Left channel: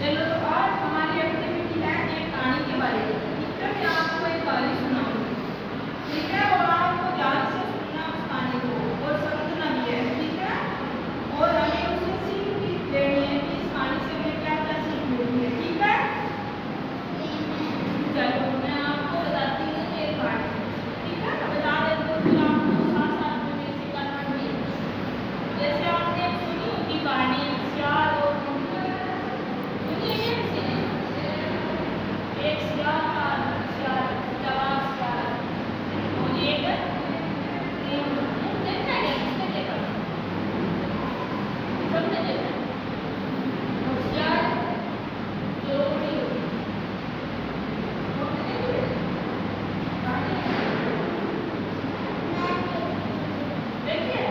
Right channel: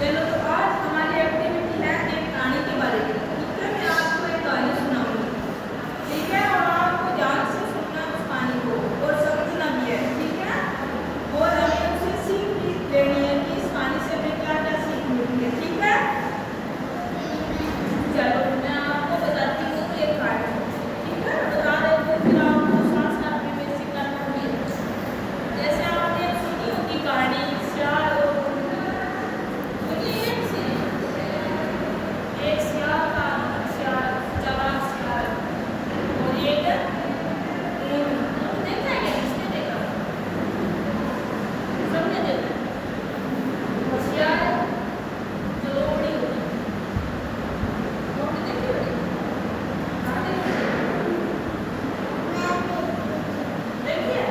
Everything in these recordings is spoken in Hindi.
चलो तो आज हमारी एक्टिविटी है एक कहानी के बारे में। ठीक है, मैं आपको एक कहानी सुनाऊंगी। ठीक है, और आपको ध्यान से सुनना उस कहानी को और समझना भी है। ठीक है, और हमें उससे सीख भी लेनी है कि इस कहानी से हमें क्या क्या सीख मिलती है। ठीक है, चलो मैं आपको बताती हूँ एक कहानी। ठीक है, बता देती हूँ, फिर आपको साथ साथ में बेसिक करना भी है। जैसे आपने सुनी होगी कहानी सियार और एक सियार था, सियार, जवान सियार और एक ऊँट। देखा है क्या? किसने देखा? सबने देखा है। और सियार जो लोमड़ी होती है, लोमड़ी देखी बड़ी? कहाँ देखी? देखिए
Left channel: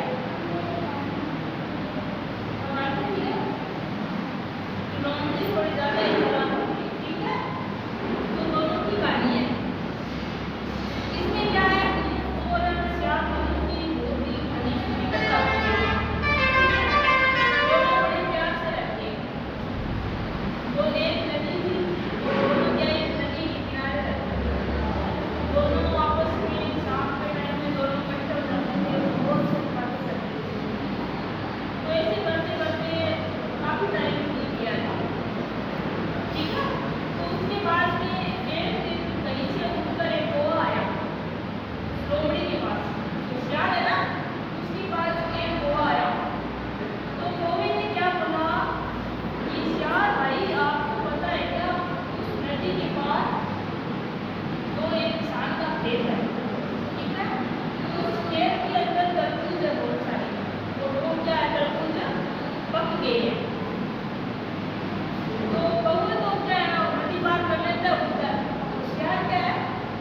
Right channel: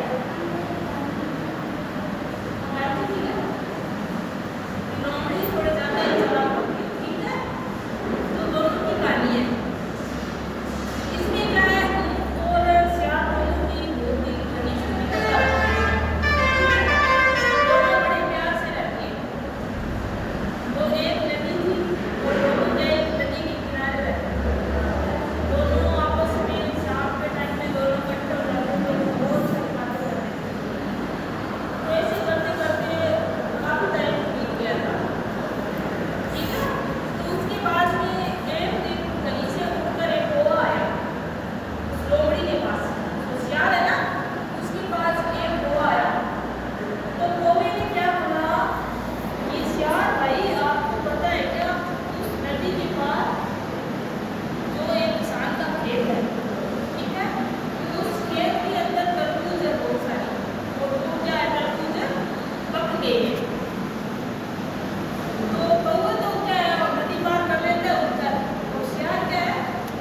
हमारी थी है लोमड़ी थोड़ी ज़्यादा चालाक होती है। ठीक है, तो दोनों की कहानी है। इसमें क्या है, ऊँट और सियार दोनों की बहुत ही घनिष्ठ मित्रता होती है। दोनों बड़े प्यार से रहते हैं। तो एक नदी थी और दोनों क्या एक नदी के किनारे रहते थे। दोनों आपस में शाम के टाइम में दोनों इकट्ठे हो जाते थे, बहुत सारी बातें करते थे। तो ऐसे करते करते काफी टाइम बीत गया था। ठीक है, तो उसके बाद में एक दिन कहीं से उड़कर एक कौवा आया उस लोमड़ी के पास। होशियार है ना, उसके पास एक कौवा आया। तो कौवे ने क्या बोला कि सियार भाई, आपको पता है क्या, उस नदी के पार जो एक किसान का खेत है, ठीक है, तो उस खेत के अंदर तरबूज है बहुत सारी, और वो क्या है, तरबूज पक गए हैं। तो कौवे तो क्या है, नदी पार कर लेता है उधर, और सियार क्या है,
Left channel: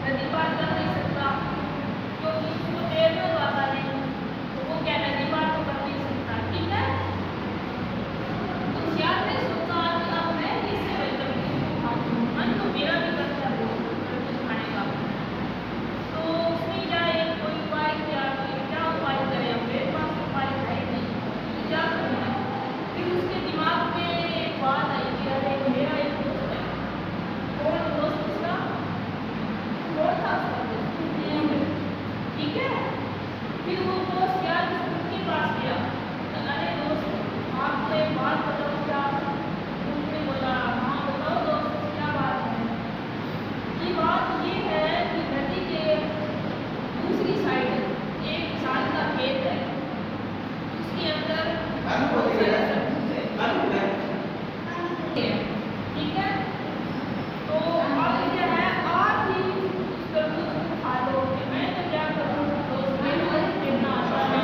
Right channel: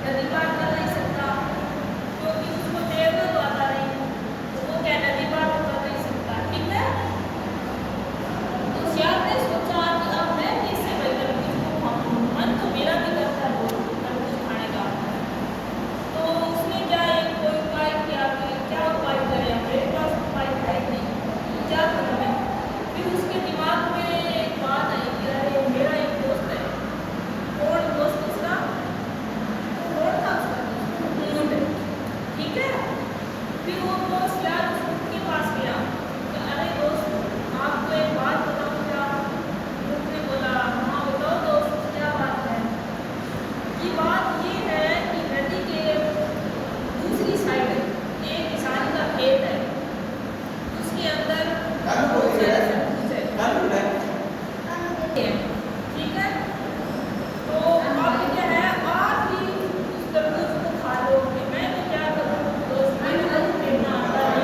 नदी पार कर नहीं सकता क्योंकि उसको तैरना तो आता नहीं। तो वो क्या नदी पार तो कर नहीं सकता। ठीक है, तो सियार ने सोचा कि अब मैं कैसे भाई तरबूज को खाऊं, मन तो मेरा भी करता है बहुत तरबूज खाने का। तो उसने क्या एक कोई उपाय किया कि क्या उपाय करें, अब मेरे पास उपाय है ही नहीं, तो क्या करूं मैं। फिर उसके दिमाग में एक बात आई कि अरे मेरा एक दोस्त है। कौन दोस्त उसका? कौन था उसका दोस्त? ऊँट। ठीक है, फिर वो दोस्त यार उस ऊँट के पास गया। तो अरे दोस्त, आपको एक बात बताऊं क्या? ऊँट ने बोला, हाँ बताओ दोस्त, क्या बात है? ये बात ये है कि नदी के दूसरी साइड एक किसान का खेत है, उसके अंदर बहुत सारे तरबूज है। ठीक है, तो अब क्या है, आप ही उस तरबूज को खा लो। मैं तो क्या करूँ दोस्त, मैं भी तो खेलना आता है।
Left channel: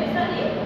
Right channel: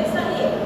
हमेशा ही